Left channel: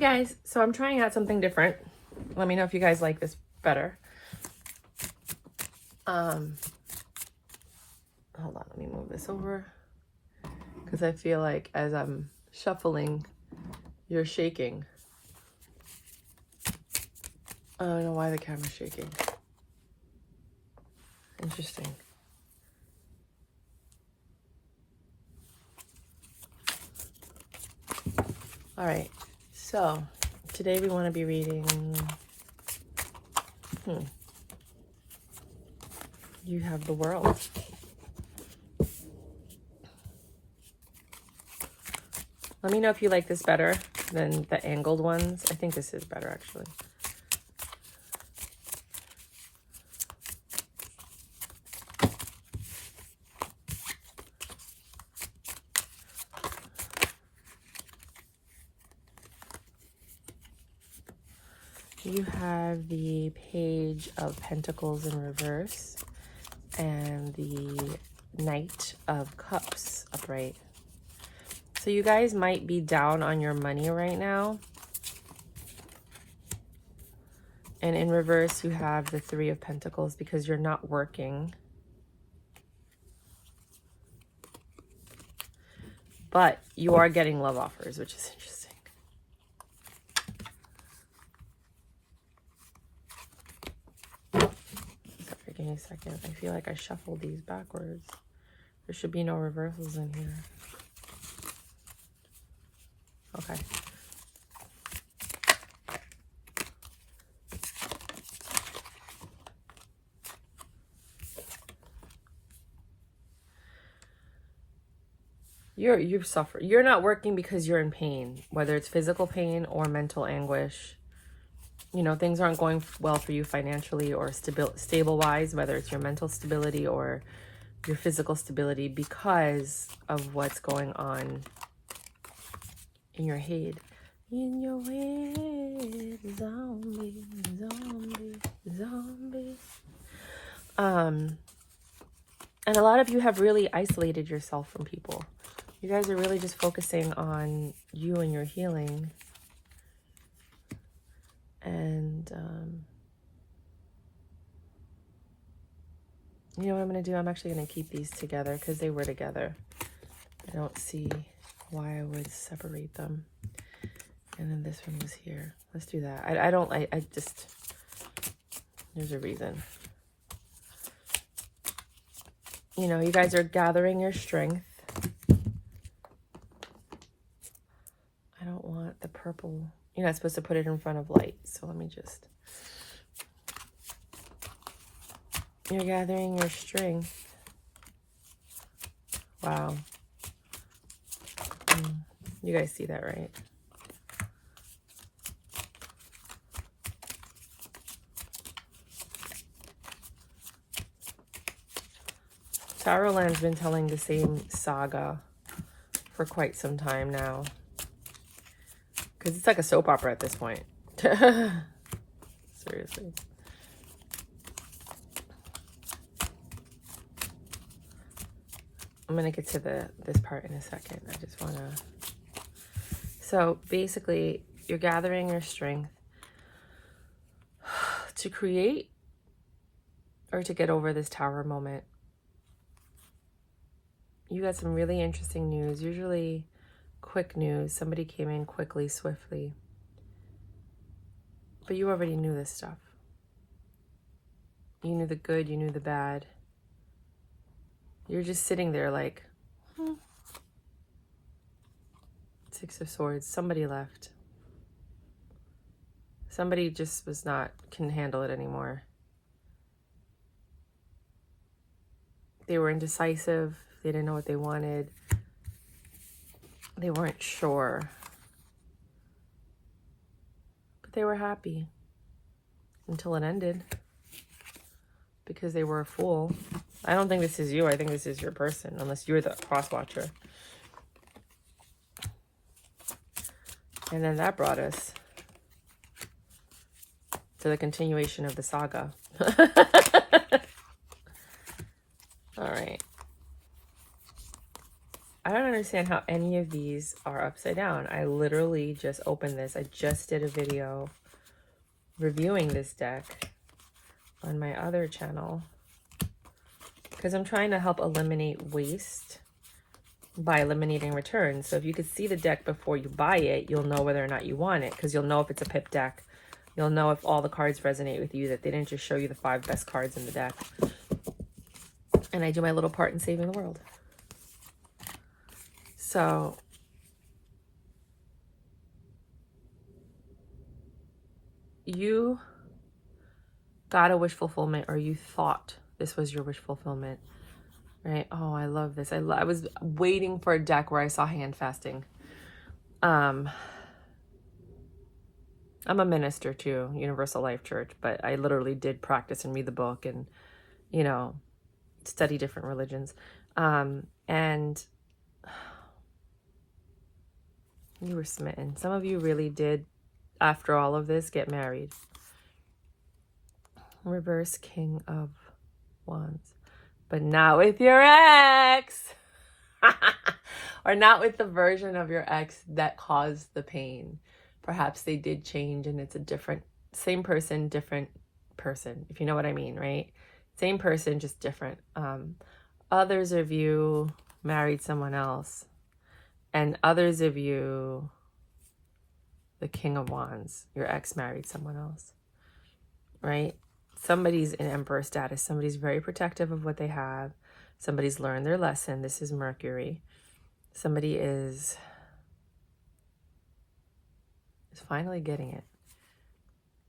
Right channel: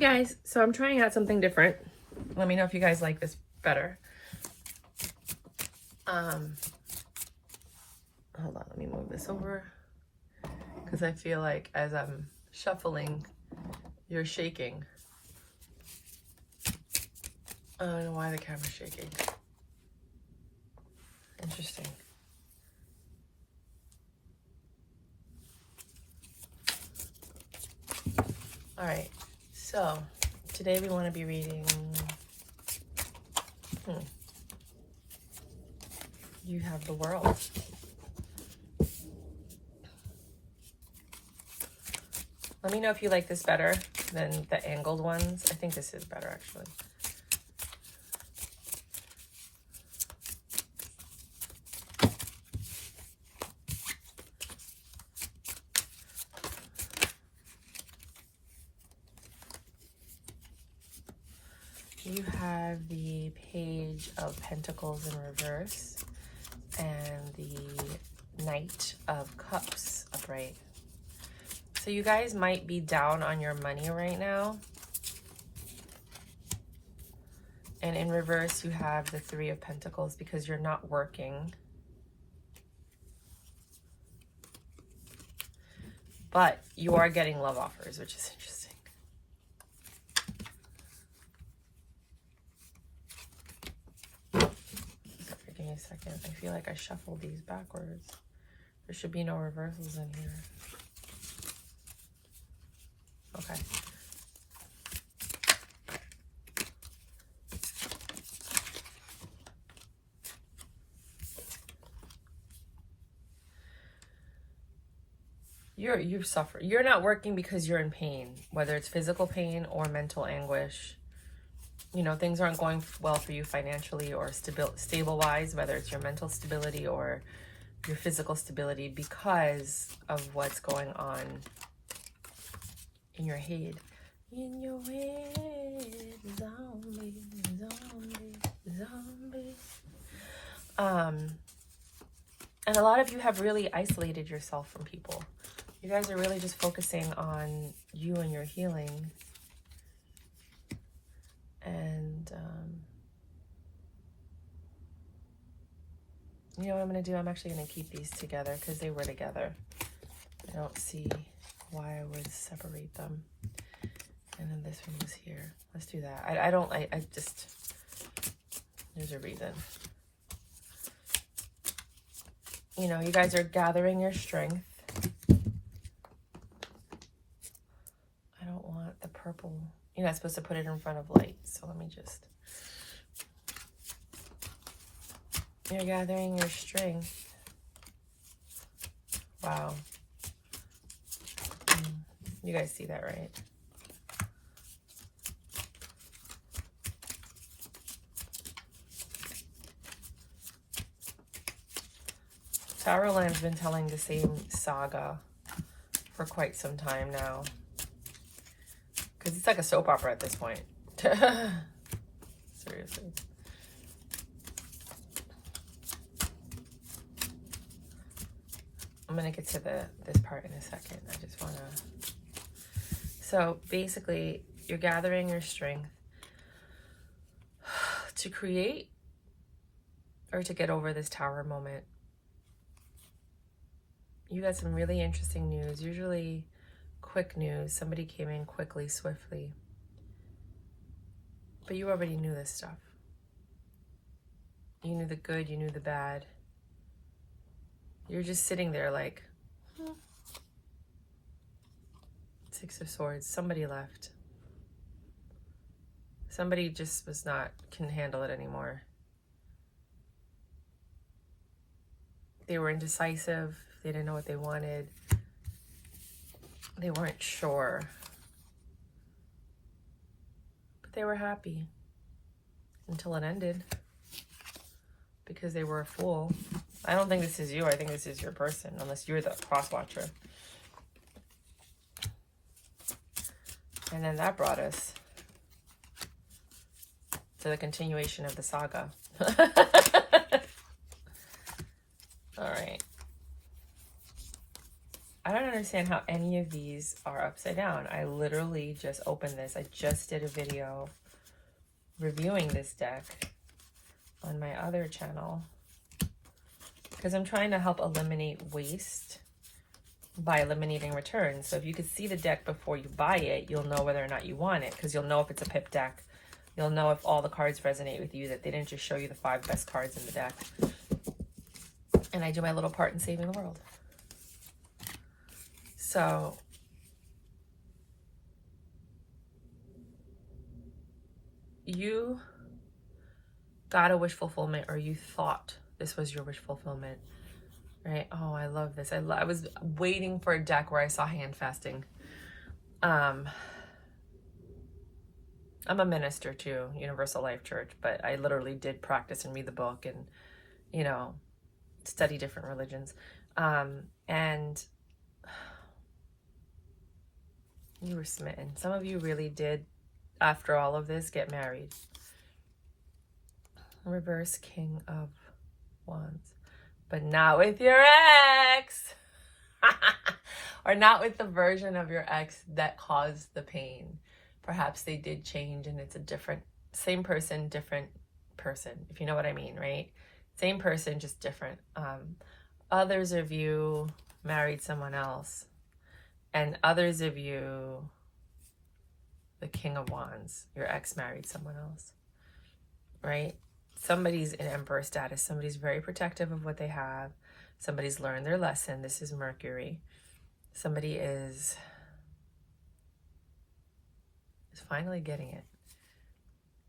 guys, so I'm trying out something different. Let me know if you guys like this better. Hold on, let me move this over because I feel like as I'm shuffling, you're shaking. I don't know why the camera's shaking. Interesting. All right, so today we want to be reading You Have the World. Let me know if you like this better than the angled ones. I think this is better, actually. You have the Page of Pentacles in reverse and the Knight of Cups upright. So you guys might be down on your money right now. And in reverse, you have the Three of Pentacles because you're not working. But you are getting love offers, which is interesting. Sorry, give me a second. I feel like I shuffled these backwards. There should be no reversals in here. Okay. You suffer. You're not working because you're in pain, whether it's physical pain or mental anguish. You know, things aren't going well for you financially or stable-wise, whether it's your mental stability or your physical stability because of what's going on in your head. In your head, zombie, zombie, zombie. And a lot of you have really isolated yourself from people. You guys are really just focusing on you and your healing. And, you know what I'm going to do? I'm actually going to keep these together because they were together. I don't see why I would separate them. And then this one was here. Let's do that. I just, there's a reason. You know, you guys are gathering your strength. I don't want the purple. You're not supposed to put it in front of light. So let me just. You're gathering your strength. Wow. You guys see that, right? Tarot Land's been telling the same saga for quite some time now. Because it's like a soap opera at this point. Seriously. I'm going to get to this part in a second. I just want to... So basically, you're gathering your strength to create or to get over this tower moment. You got some really interesting news. Usually quick news. Somebody came in quickly, swiftly. But you already knew this stuff. You knew the good, you knew the bad. You're just sitting there like, Six of Swords. Somebody left. Somebody just couldn't handle it anymore. They were indecisive. They didn't know what they wanted. They weren't sure. But they were happy until it ended because they were a fool. I don't think this is you. I think this is your person, unless you're the cross watcher. And then that brought us to the continuation of the saga. All right. I don't understand how any of these are upside down. I literally just opened this. I just did a video reviewing this deck on my other channel because I'm trying to help eliminate waste by eliminating returns. So if you could see the deck before you buy it, you'll know whether or not you want it, because you'll know if it's a pip deck. You'll know if all the cards resonate with you, that they didn't just show you the 5 best cards in the deck. And I do my little part in saving the world. So you got a wish fulfillment, or you thought this was your wish fulfillment, right? Oh, I love this. I was waiting for a deck where I saw hand fasting. I'm a minister too, Universal Life Church, but I literally did practice and read the book and, you know, study different religions. And you were smitten. Some of you really did, after all of this, get married. Reverse King of Wands. But not with your ex. Or not with the version of your ex that caused the pain. Perhaps they did change and it's a different, same person, different person, if you know what I mean, right? Same person, just different. Others of you married someone else. And others of you, the King of Wands, your ex married someone else, right? Somebody's in Emperor status. Somebody's very protective of what they have. Somebody's learned their lesson. This is Mercury. Somebody is finally getting it.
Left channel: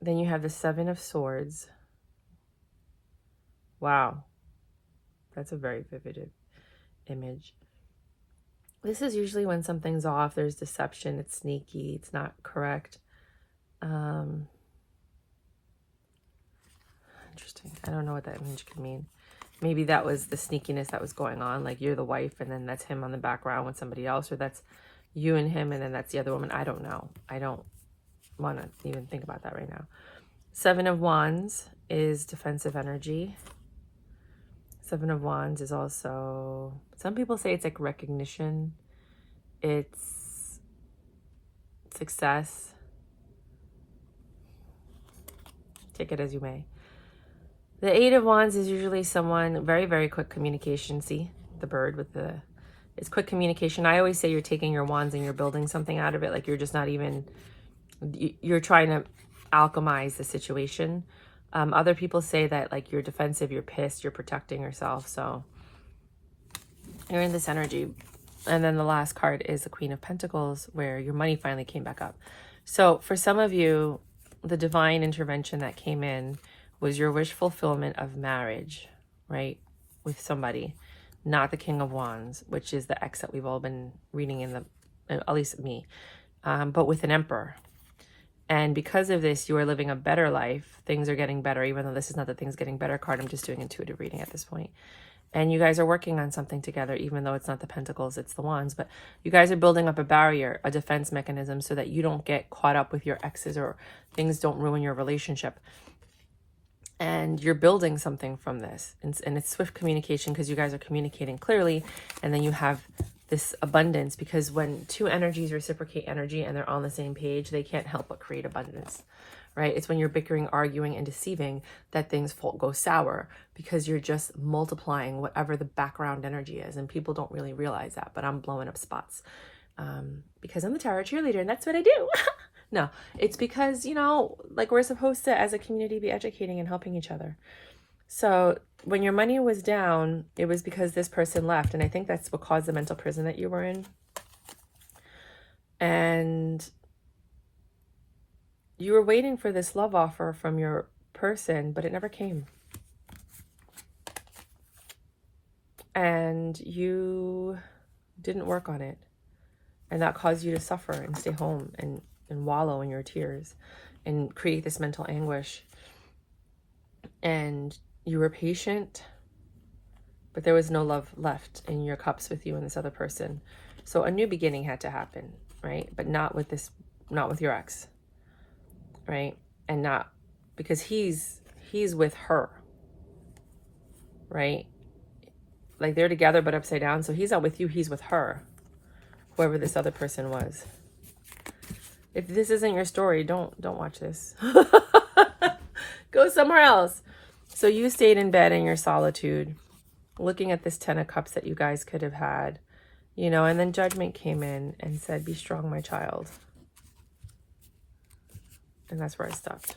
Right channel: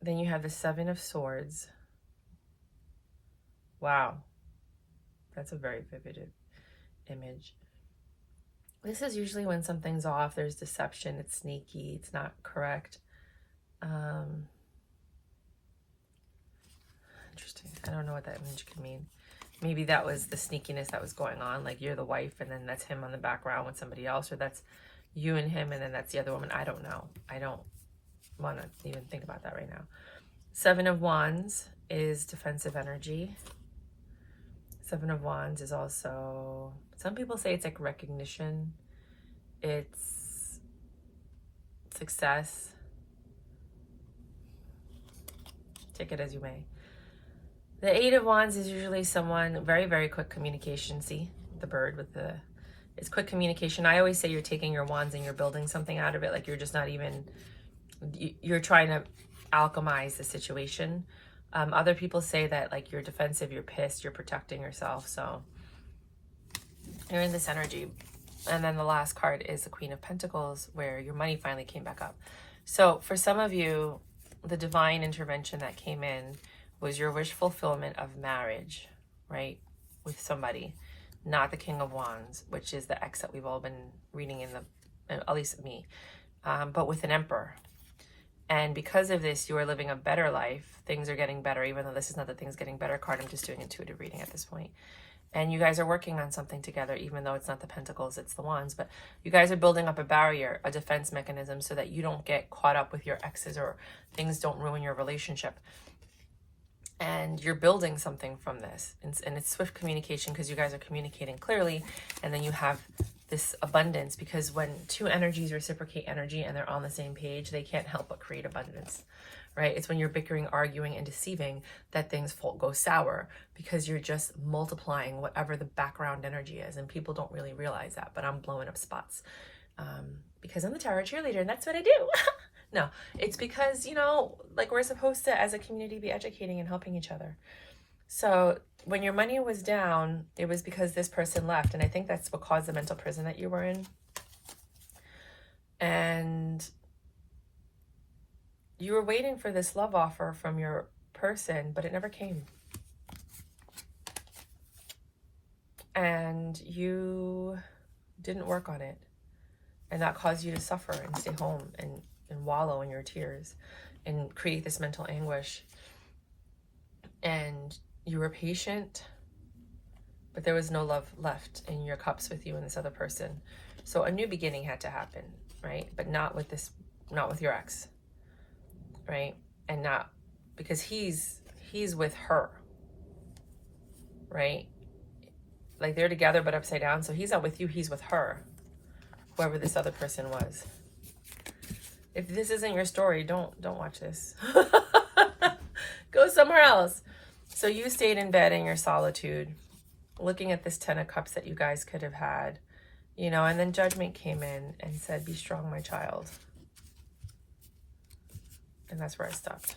Then you have the 7 of Swords. Wow. That's a very vivid image. This is usually when something's off. There's deception. It's sneaky. It's not correct. Interesting. I don't know what that image could mean. Maybe that was the sneakiness that was going on. Like you're the wife and then that's him on the background with somebody else. Or that's you and him and then that's the other woman. I don't know. I don't want to even think about that right now. 7 of Wands is defensive energy. 7 of Wands is also, some people say it's like recognition. It's success. Take it as you may. The 8 of Wands is usually someone, very, very quick communication. See the bird with the, it's quick communication. I always say you're taking your wands and you're building something out of it. Like you're just not even, you're trying to alchemize the situation. Other people say that like you're defensive, you're pissed, you're protecting yourself. So you're in this energy. And then the last card is the Queen of Pentacles, where your money finally came back up. So for some of you, the divine intervention that came in was your wish fulfillment of marriage, right? With somebody, not the King of Wands, which is the ex that we've all been reading in the, at least me, but with an Emperor. And because of this, you are living a better life. Things are getting better, even though this is not the things getting better card. I'm just doing intuitive reading at this point. And you guys are working on something together, even though it's not the Pentacles, it's the Wands. But you guys are building up a barrier, a defense mechanism, so that you don't get caught up with your exes or things don't ruin your relationship. And you're building something from this. And it's swift communication because you guys are communicating clearly. And then you have this abundance, because when two energies reciprocate energy and they're on the same page, they can't help but create abundance, right? It's when you're bickering, arguing, and deceiving that things go sour, because you're just multiplying whatever the background energy is. And people don't really realize that, but I'm blowing up spots because I'm the tarot cheerleader and that's what I do. No, it's because, you know, like we're supposed to, as a community, be educating and helping each other. So when your money was down, it was because this person left. And I think that's what caused the mental prison that you were in. And you were waiting for this love offer from your person, but it never came. And you didn't work on it. And that caused you to suffer and stay home and wallow in your tears and create this mental anguish. And you were patient, but there was no love left in your cups with you and this other person. So a new beginning had to happen, right? But not with this, not with your ex, right? And not because he's with her, right? Like they're together but upside down. So he's not with you, he's with her. whoever this other person was. If this isn't your story, don't watch this. Go somewhere else. So you stayed in bed in your solitude, looking at this 10 of Cups that you guys could have had, you know, and then Judgment came in and said, be strong, my child. And that's where I stopped.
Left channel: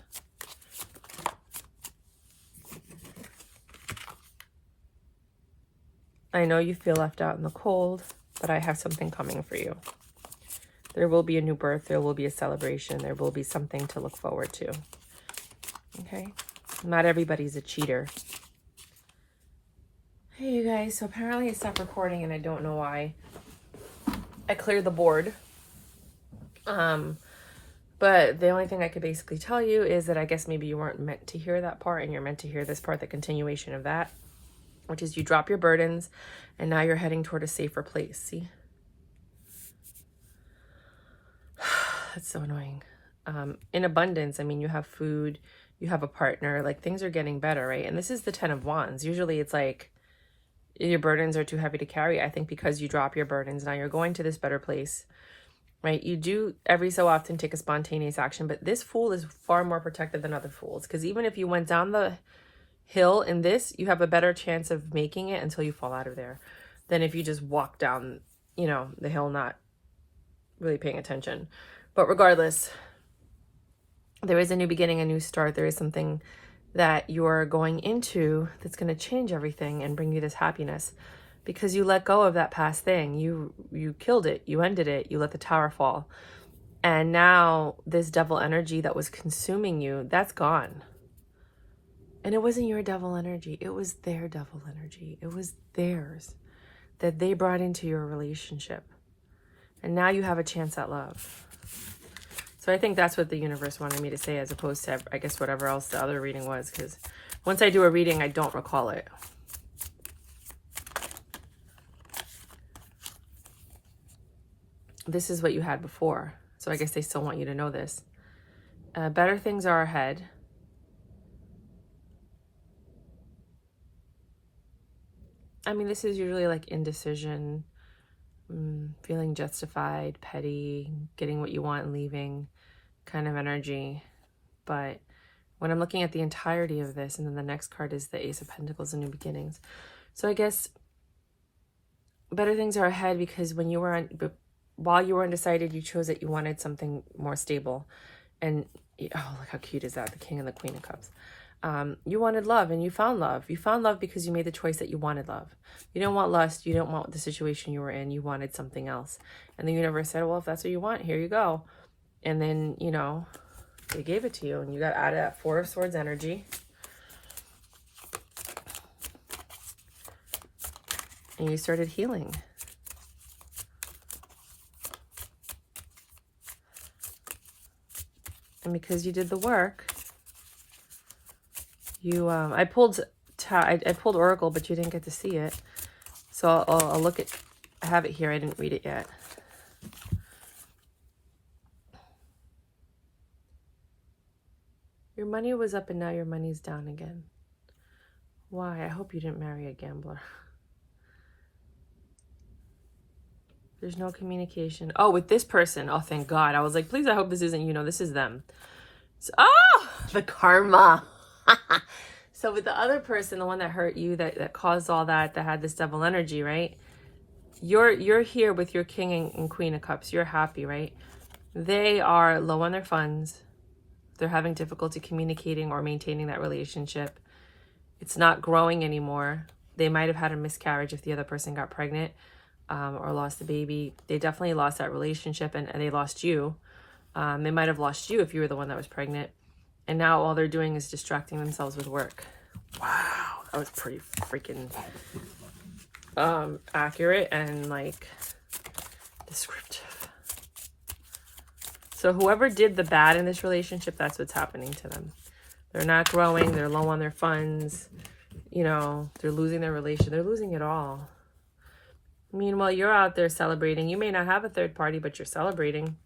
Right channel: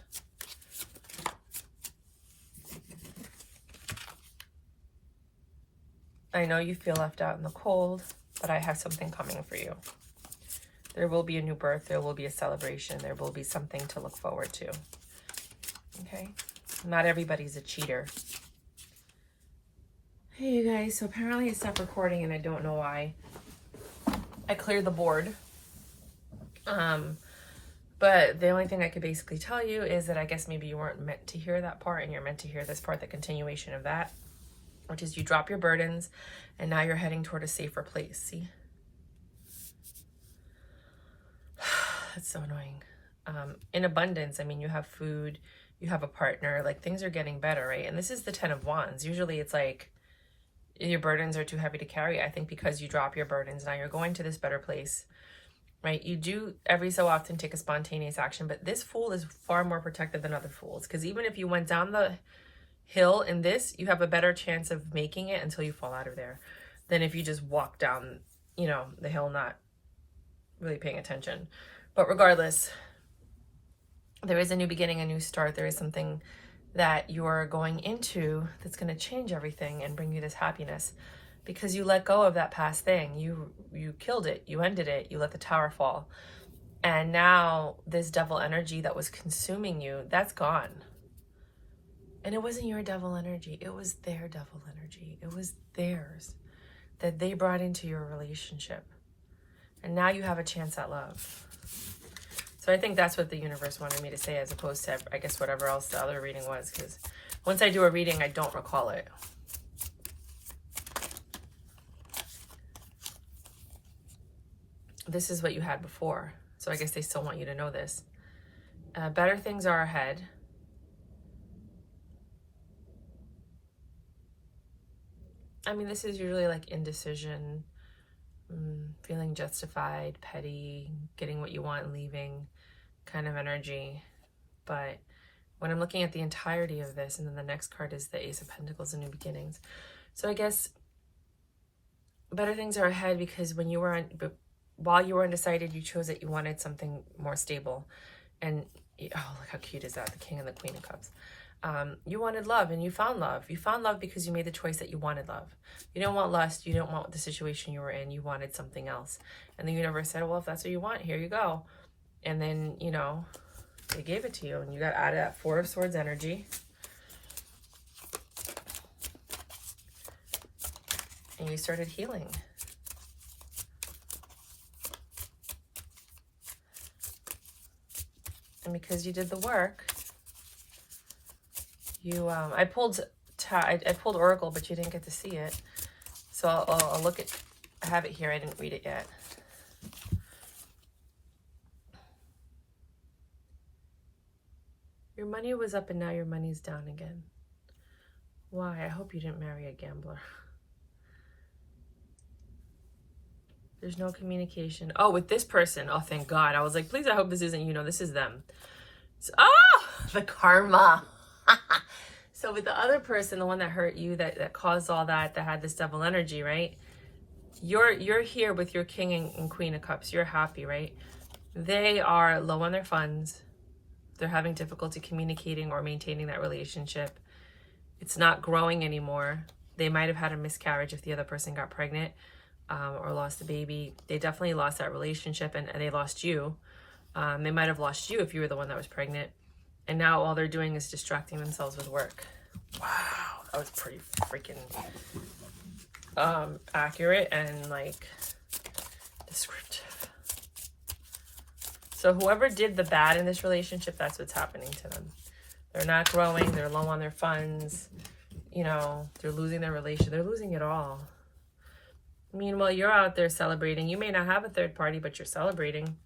I know you feel left out in the cold, but I have something coming for you. There will be a new birth. There will be a celebration. There will be something to look forward to. Okay? Not everybody's a cheater. Hey, you guys. So apparently I stopped recording and I don't know why. I cleared the board. But the only thing I could basically tell you is that I guess maybe you weren't meant to hear that part and you're meant to hear this part, the continuation of that, which is you drop your burdens and now you're heading toward a safer place. See? That's so annoying. In abundance, I mean, you have food, you have a partner, like things are getting better, right? And this is the 10 of Wands. Usually it's like your burdens are too heavy to carry. I think because you drop your burdens, now you're going to this better place, right? You do every so often take a spontaneous action, but this Fool is far more protected than other Fools, because even if you went down the hill in this, you have a better chance of making it until you fall out of there than if you just walk down, you know, the hill not really paying attention. But regardless, there is a new beginning, a new start. There is something that you're going into that's going to change everything and bring you this happiness, because you let go of that past thing. You killed it. You ended it. You let the tower fall. And now this devil energy that was consuming you, that's gone. And it wasn't your devil energy. It was their devil energy. It was theirs that they brought into your relationship. And now you have a chance at love. So I think that's what the universe wanted me to say, as opposed to, I guess, whatever else the other reading was. Because once I do a reading, I don't recall it. This is what you had before. So I guess they still want you to know this. Better things are ahead. I mean, this is usually like indecision, feeling justified, petty, getting what you want and leaving kind of energy. But when I'm looking at the entirety of this, and then the next card is the Ace of Pentacles and New Beginnings. So I guess better things are ahead, because when you were while you were undecided, you chose that you wanted something more stable. And oh, look how cute is that, the King and the Queen of Cups. You wanted love, and you found love. You found love because you made the choice that you wanted love. You don't want lust. You don't want the situation you were in. You wanted something else. And the universe said, well, if that's what you want, here you go. And then, you know, they gave it to you. And you got out of that Four of Swords energy. And you started healing. And because you did the work, you, I pulled Oracle, but you didn't get to see it. So I'll look at, I have it here. I didn't read it yet. Your money was up and now your money's down again. Why? I hope you didn't marry a gambler. There's no communication. Oh, with this person. Oh, thank God. I was like, please, I hope this isn't, you know, this is them. So, oh, the karma. So with the other person, the one that hurt you, that caused all that had this devil energy, right? You're here with your King and Queen of Cups. You're happy, right? They are low on their funds. They're having difficulty communicating or maintaining that relationship. It's not growing anymore. They might have had a miscarriage if the other person got pregnant, or lost a baby. They definitely lost that relationship, and they lost you. They might have lost you if you were the one that was pregnant. And now all they're doing is distracting themselves with work. Wow, that was pretty freaking accurate and like descriptive. So whoever did the bad in this relationship, that's what's happening to them. They're not growing. They're low on their funds. You know, they're losing their relation. They're losing it all. Meanwhile, you're out there celebrating. You may not have a third party, but you're celebrating.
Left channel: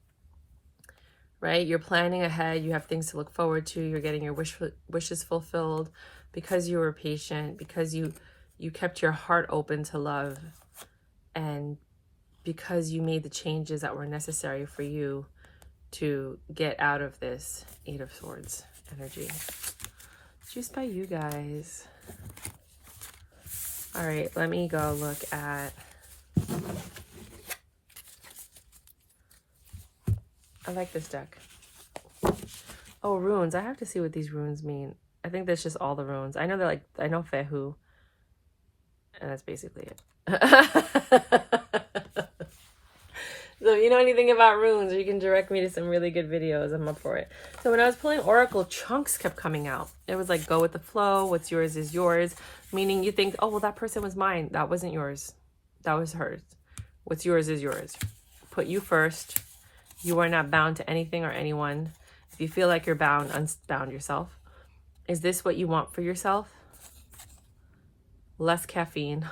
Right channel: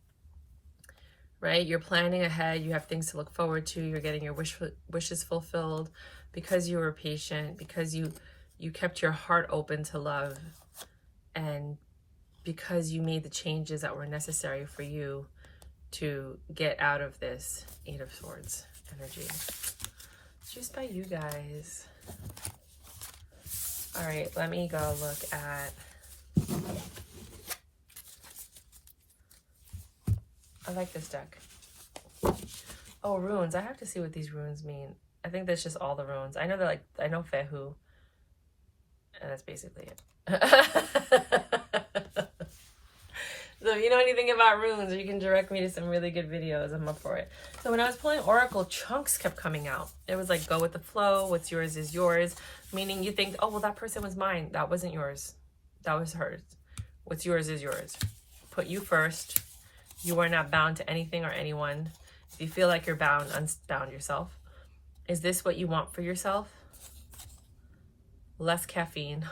Right? You're planning ahead. You have things to look forward to. You're getting your wishes fulfilled because you were patient, because you kept your heart open to love, and because you made the changes that were necessary for you to get out of this Eight of Swords energy. Just by you guys. All right, let me go look at... I like this deck. Oh, runes. I have to see what these runes mean. I think that's just all the runes. I know they're like, I know Fehu. And that's basically it. So if you know anything about runes, or you can direct me to some really good videos, I'm up for it. So when I was pulling Oracle, chunks kept coming out. It was like, go with the flow. What's yours is yours. Meaning you think, oh, well, that person was mine. That wasn't yours. That was hers. What's yours is yours. Put you first. You are not bound to anything or anyone. If you feel like you're bound, unbound yourself. Is this what you want for yourself? Less caffeine.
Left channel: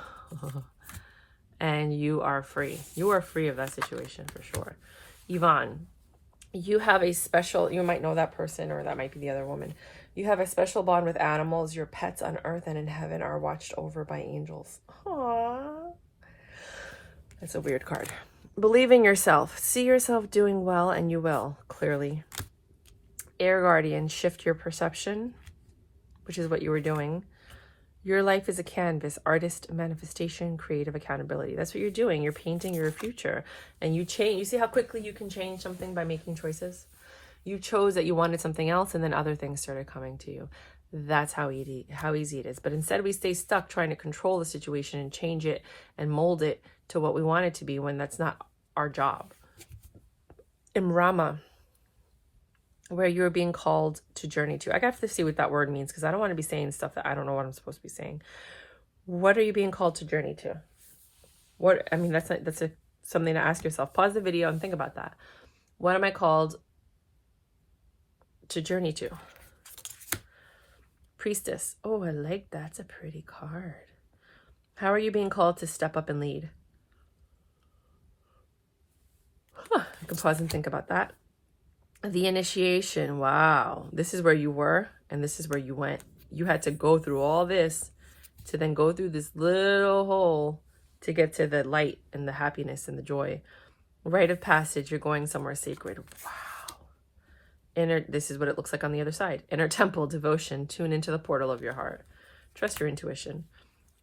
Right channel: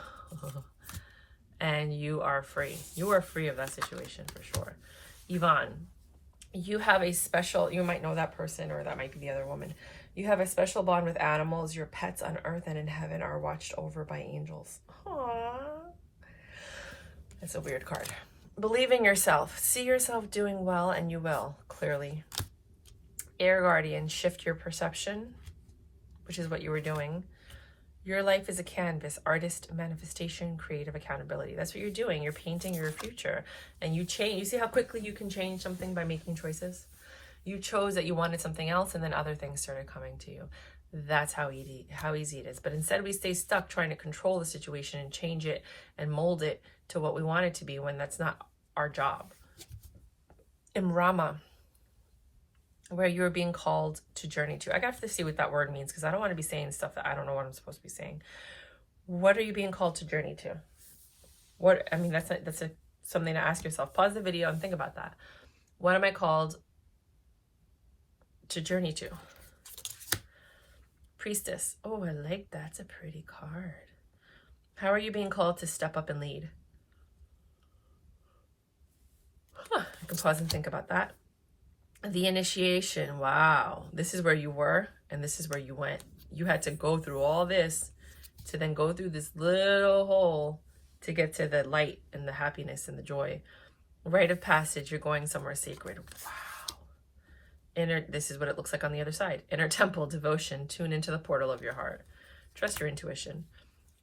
And you are free. You are free of that situation for sure. Yvonne, you have a special, you might know that person, or that might be the other woman. You have a special bond with animals. Your pets on earth and in heaven are watched over by angels. Aww. That's a weird card. Believe in yourself. See yourself doing well, and you will, clearly. Air Guardian, shift your perception, which is what you were doing. Your life is a canvas, artist, manifestation, creative accountability. That's what you're doing. You're painting your future. And you change. You see how quickly you can change something by making choices? You chose that you wanted something else, and then other things started coming to you. That's how easy it is. But instead we stay stuck trying to control the situation and change it and mold it to what we want it to be, when that's not our job. Imrama, where you're being called to journey to. I have to see what that word means, because I don't want to be saying stuff that I don't know what I'm supposed to be saying. What are you being called to journey to? What, I mean, that's something to ask yourself. Pause the video and think about that. What am I called to journey to? Priestess. Oh, I like that. That's a pretty card. How are you being called to step up and lead? You can pause and think about that. The initiation. Wow. This is where you were, and this is where you went. You had to go through all this to then go through this little hole to get to the light and the happiness and the joy. Rite of passage. You're going somewhere sacred. Wow. This is what it looks like on the other side. Inner temple, devotion. Tune into the portal of your heart. Trust your intuition.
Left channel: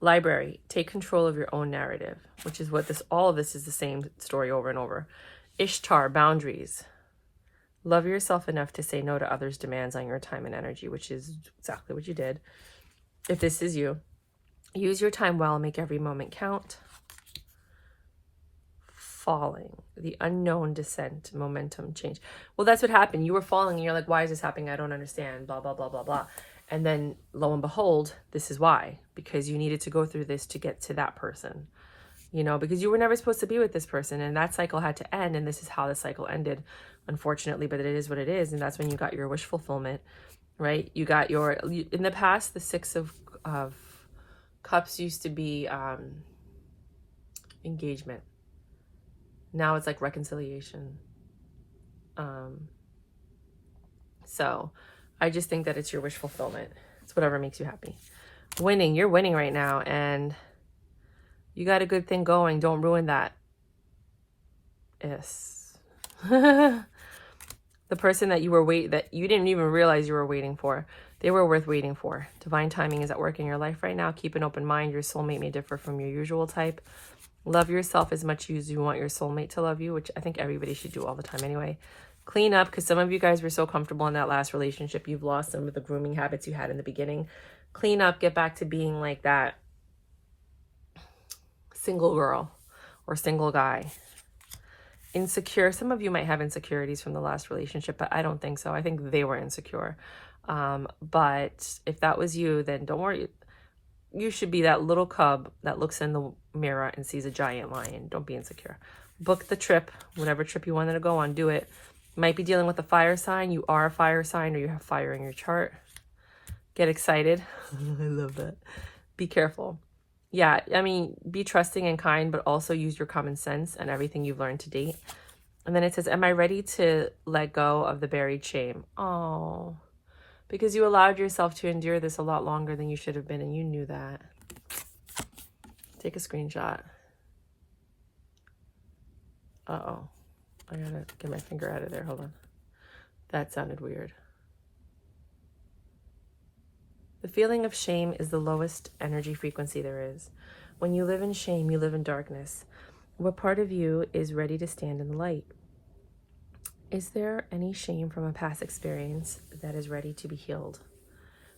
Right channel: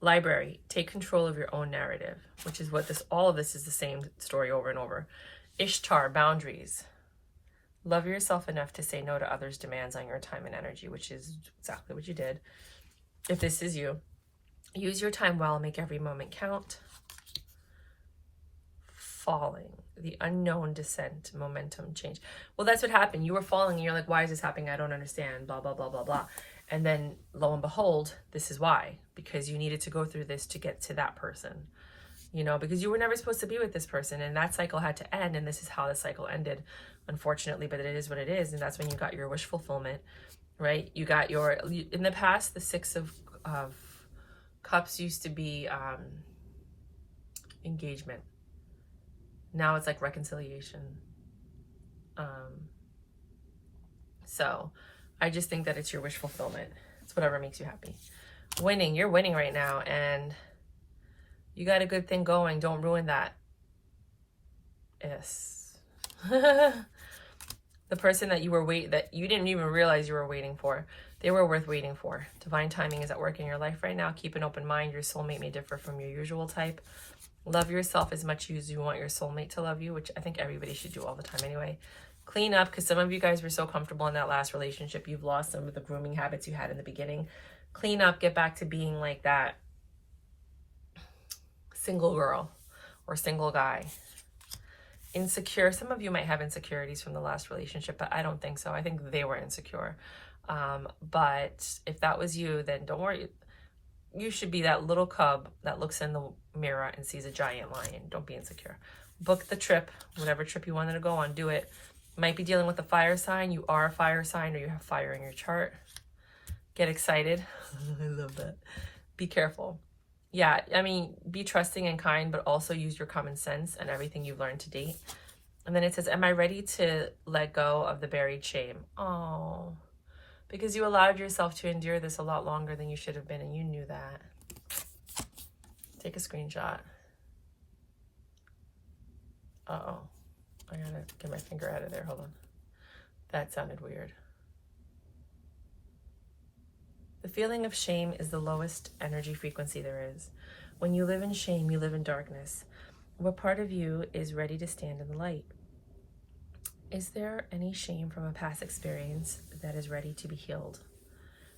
Library. Take control of your own narrative, which is what all of this is the same story over and over. Ishtar, boundaries. Love yourself enough to say no to others' demands on your time and energy, which is exactly what you did. If this is you, use your time well, make every moment count. Falling, the unknown descent, momentum change. Well, that's what happened. You were falling and you're like, why is this happening? I don't understand, blah, blah, blah, blah, blah. And then lo and behold, this is why, because you needed to go through this to get to that person. You know, because you were never supposed to be with this person, and that cycle had to end, and this is how the cycle ended, unfortunately, but it is what it is, and that's when you got your wish fulfillment, right? You got your, in the past, the Six of Cups used to be engagement. Now it's like reconciliation. So I just think that it's your wish fulfillment. It's whatever makes you happy. Winning, you're winning right now, and you got a good thing going. Don't ruin that. Yes. The person that that you didn't even realize you were waiting for, they were worth waiting for. Divine timing is at work in your life right now. Keep an open mind. Your soulmate may differ from your usual type. Love yourself as much as you want your soulmate to love you, which I think everybody should do all the time anyway. Clean up, because some of you guys were so comfortable in that last relationship. You've lost some of the grooming habits you had in the beginning. Clean up, get back to being like that single girl or single guy. Insecure. Some of you might have insecurities from the last relationship, but I don't think so. I think they were insecure. But if that was you, then don't worry. You should be that little cub that looks in the mirror and sees a giant lion. Don't be insecure. Book the trip, whatever trip you wanted to go on, do it. You might be dealing with a fire sign. You are a fire sign, or you have fire in your chart. Get excited. I love that. Be careful. Yeah, I mean, be trusting and kind, but also use your common sense and everything you've learned to date. And then it says, am I ready to let go of the buried shame? Oh, because you allowed yourself to endure this a lot longer than you should have been, and you knew that. Take a screenshot. Uh-oh. I gotta get my finger out of there. Hold on. That sounded weird. The feeling of shame is the lowest energy frequency there is. When you live in shame, you live in darkness. What part of you is ready to stand in the light? Is there any shame from a past experience that is ready to be healed?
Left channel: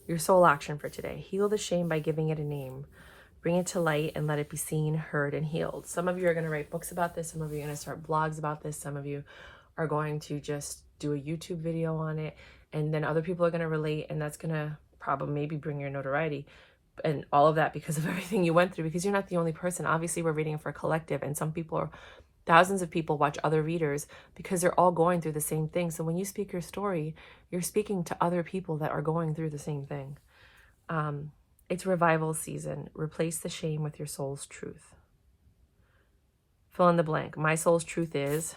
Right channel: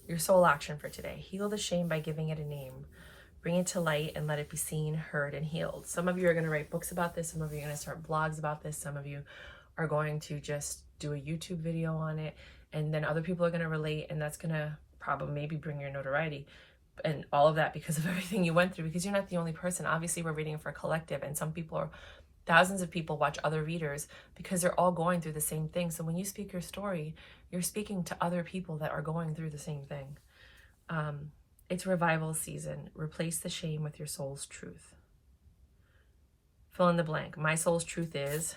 Your soul action for today. Heal the shame by giving it a name. Bring it to light and let it be seen, heard, and healed. Some of you are going to write books about this. Some of you are going to start blogs about this. Some of you are going to just do a YouTube video on it. And then other people are going to relate, and that's going to probably maybe bring your notoriety. And all of that because of everything you went through, because you're not the only person. Obviously, we're reading it for a collective, and some people are, thousands of people watch other readers because they're all going through the same thing. So when you speak your story, you're speaking to other people that are going through the same thing. It's revival season. Replace the shame with your soul's truth. Fill in the blank. My soul's truth is...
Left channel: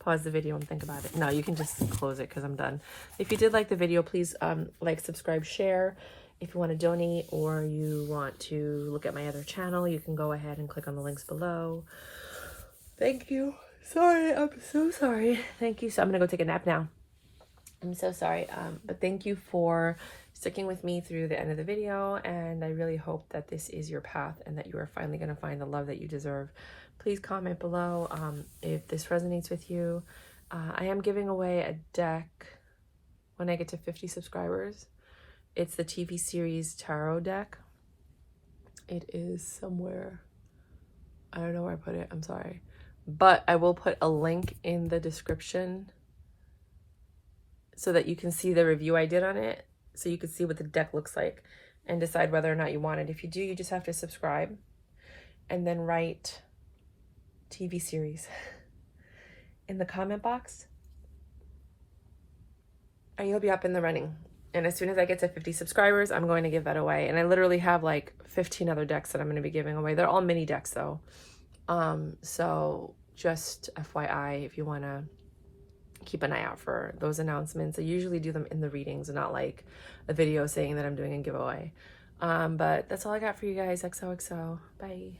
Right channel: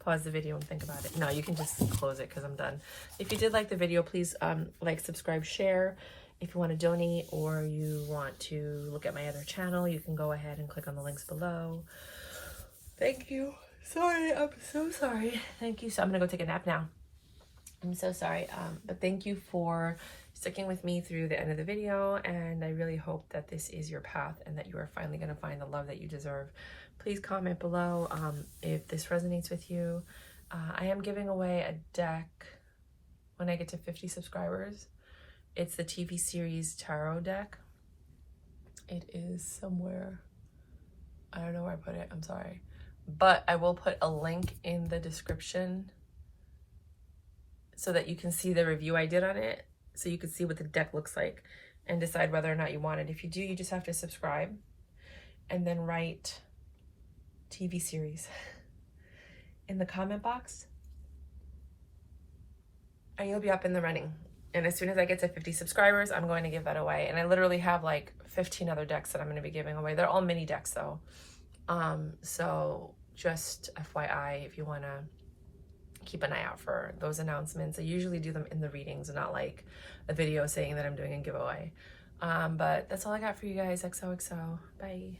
Pause the video and think about it. No, you can just close it because I'm done. If you did like the video, please like, subscribe, share. If you want to donate or you want to look at my other channel, you can go ahead and click on the links below. Thank you. Sorry, I'm so sorry. Thank you. So I'm going to go take a nap now. I'm so sorry. But thank you for sticking with me through the end of the video. And I really hope that this is your path and that you are finally going to find the love that you deserve. Please comment below if this resonates with you. I am giving away a deck when I get to 50 subscribers. It's the TV series tarot deck. It is somewhere. I don't know where I put it. I'm sorry. But I will put a link in the description so that you can see the review I did on it. So you can see what the deck looks like and decide whether or not you want it. If you do, you just have to subscribe and then write TV series in the comment box and you'll be up in the running. And as soon as I get to 50 subscribers, I'm going to give that away. And I literally have like 15 other decks that I'm going to be giving away. They're all mini decks though. So just FYI, if you want to keep an eye out for those announcements. I usually do them in the readings and not like a video saying that I'm doing a giveaway. But that's all I got for you guys. XOXO. Bye.